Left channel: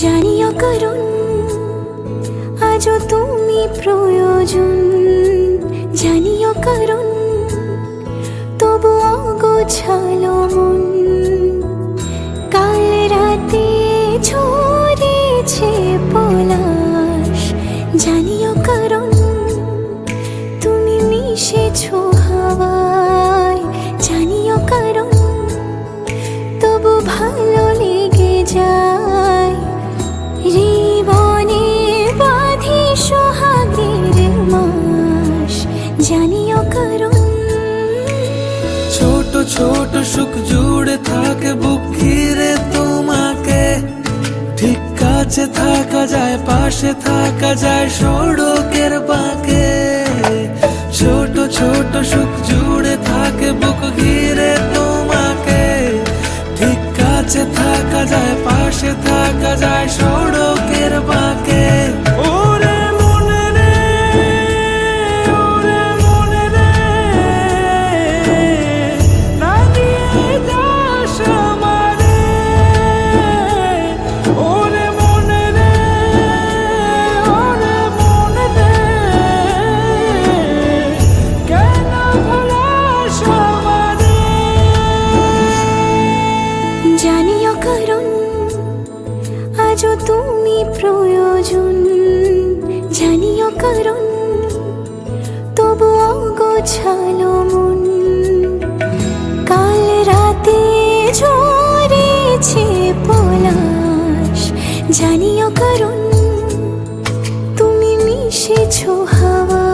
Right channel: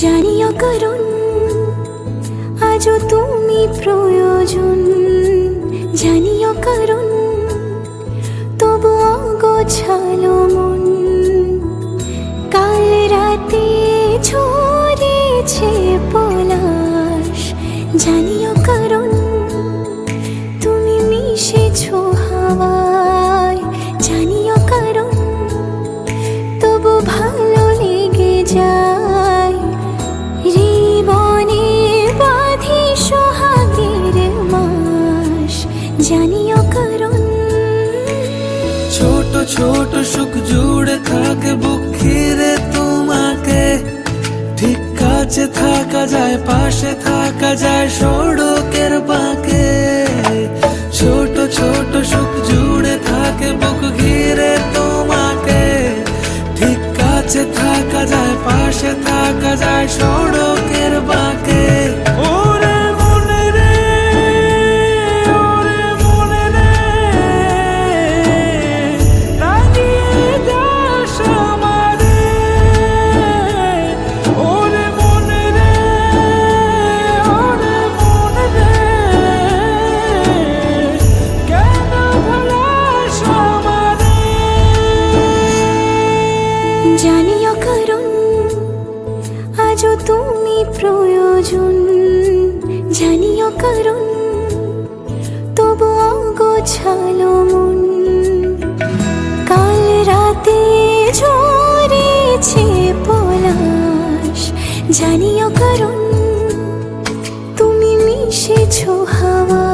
জানিও কারণ আজও তুমি প্রয়োজন, জানিও কারণ তবু অগোছালো মন। কাল রাতে ঝরেছে পলাশ, জানিও কারণ তুমি মিশেছো হাওয়ায়, জানিও কারণ তবু ভালো লেগে যায়। জীবনে বাঁধি সোহাগের মাস, জানিও কারণ ছোট ছোট সুখ জুড়ে থাকে বুক ঘিরে তোমাকে। ঠিক কাছে থাকা যায়, পাশে থাকা যায় সড়কের বাঁকে। ছোট ছোট সুখ জুড়ে থাকে বুক ঘিরে তোমাকে। ঠিক কাছে থাকা যায়, পাশে থাকা যায় সড়কের বাঁকে। ওরে মনে রে, ওরে মনে রে, রাঙিয়ে যাস আমারে। ওরে মনে রে, ওরে মনে রে, কেন ভোলাস আমারে। জানিও কারণ আজও তুমি প্রয়োজন, জানিও কারণ তবু অগোছালো মন। কাল রাতে ঝরেছে পলাশ, জানিও কারণ তুমি মিশেছো হাওয়া।